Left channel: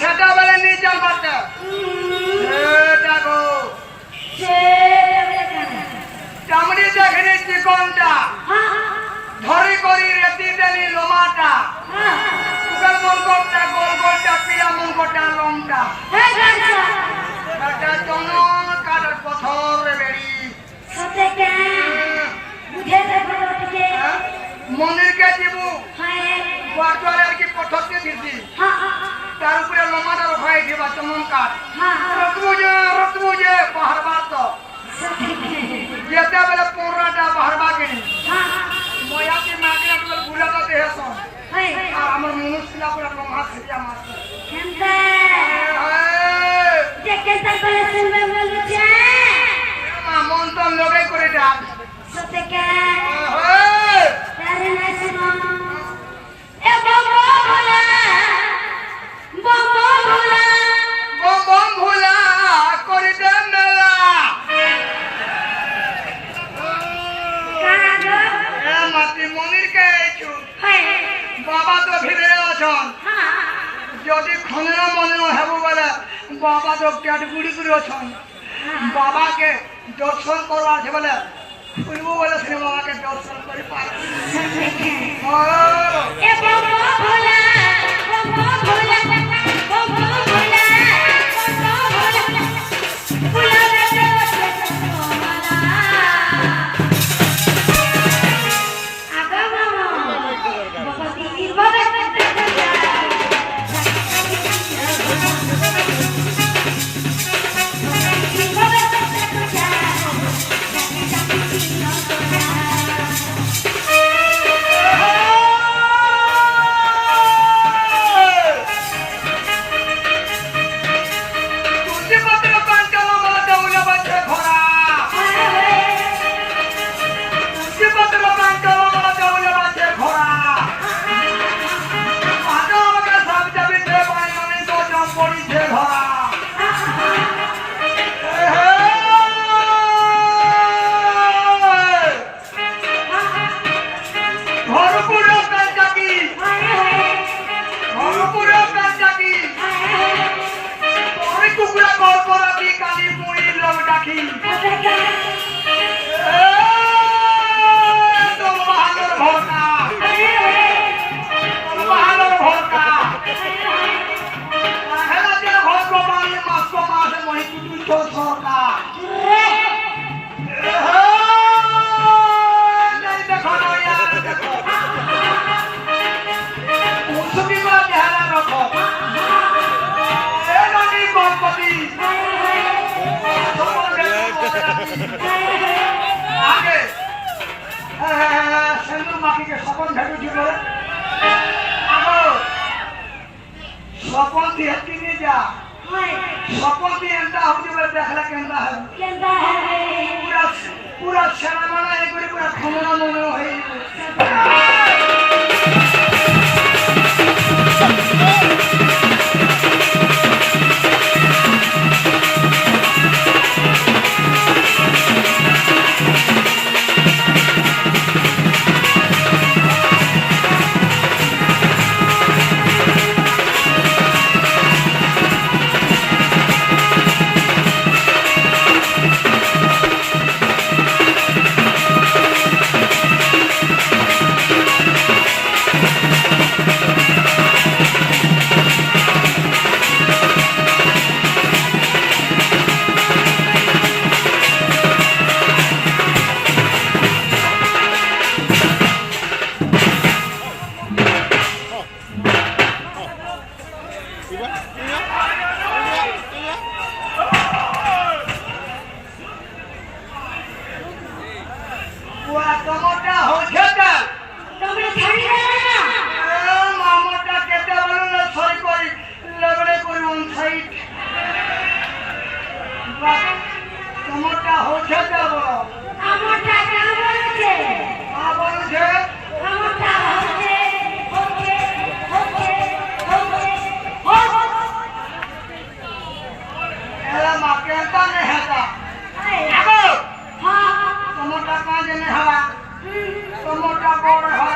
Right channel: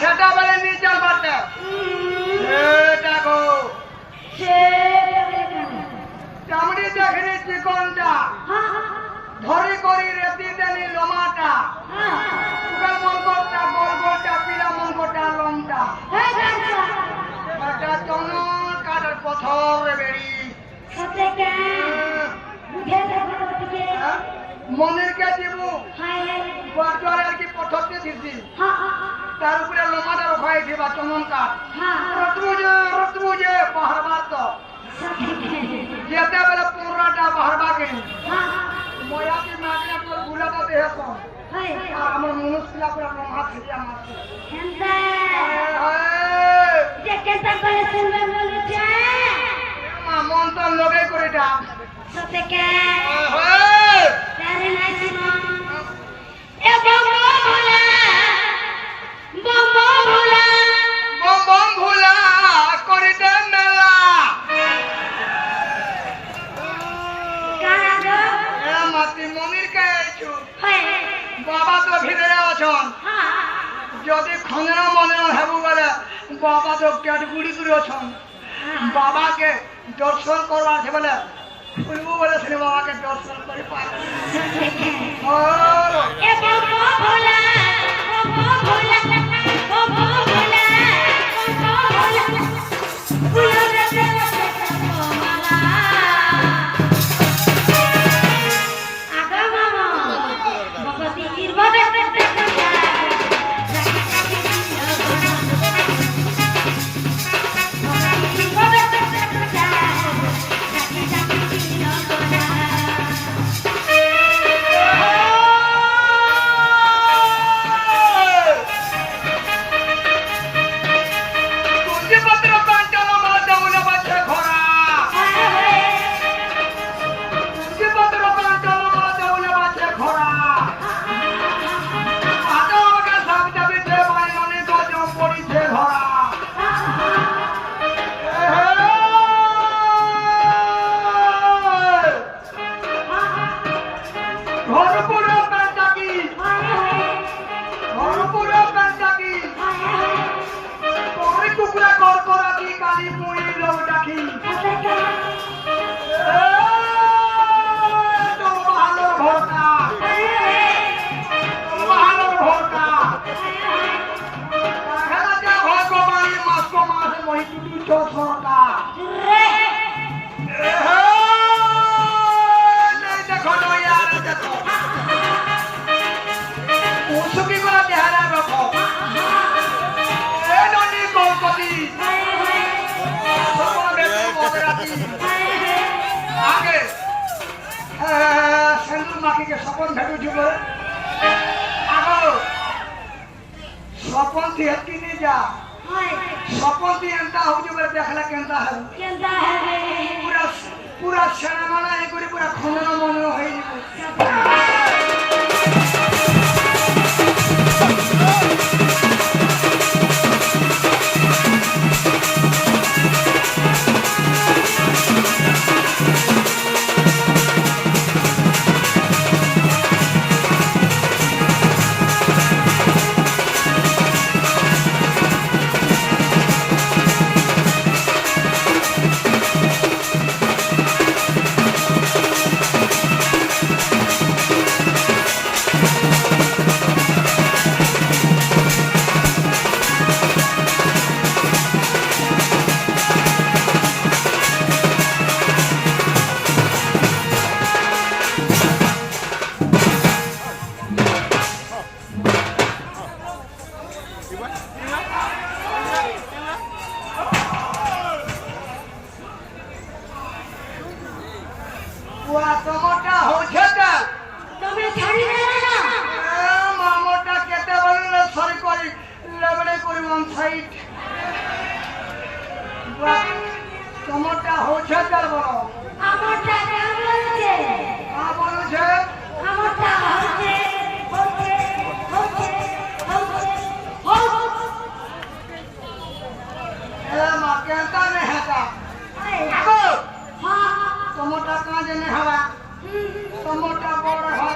সেটা বলে নিয়ে চল বাচ্চা দেখো চামড়ি দেখেনি চিকনটা ধরি করি রেতি দেনি লোমাটা উগাল মনকরটা গোলগোলটা পিলা মনকরটা লংটা একটা চনন কাটার পথর বেড়ি মনের কে দিবু বারবার আর কি পথরতে দিছি তার উপরে লোমাটা রখাই দিবা চনন কাঠ রতমুজে পাহাড়বার তো যেতে বেলে পনেরোটা বাহারবা কিনি ময়াতি মাগনা তোর গুলাটা দেহস আর আমার মনুষ্যলা পুরা লম্হা ফিরিয়া মারছ মন তো লগে করে ডাক বম ভোলা করে দে মেলা মাতৃ মনির কে বাবা তো ভিড়ে অছন যদি খনেরা মনে হেবু বলে বাবা তো ক্যাটগুড়ি করে অছন বাবাকে দর্শন করবার আছে বলে খুলবো বলে সে বাবাকে দর্শন করে পারে সপন ভেটু যুব সপন দিয়ে কিনে যা সপন দিয়ে এনতা হচ্ছে বলে দেখলে কেনতা হবে পুরা পুরা সেনা মানা এ করে পুরা খন্দনা মনে হয়ে Tomoda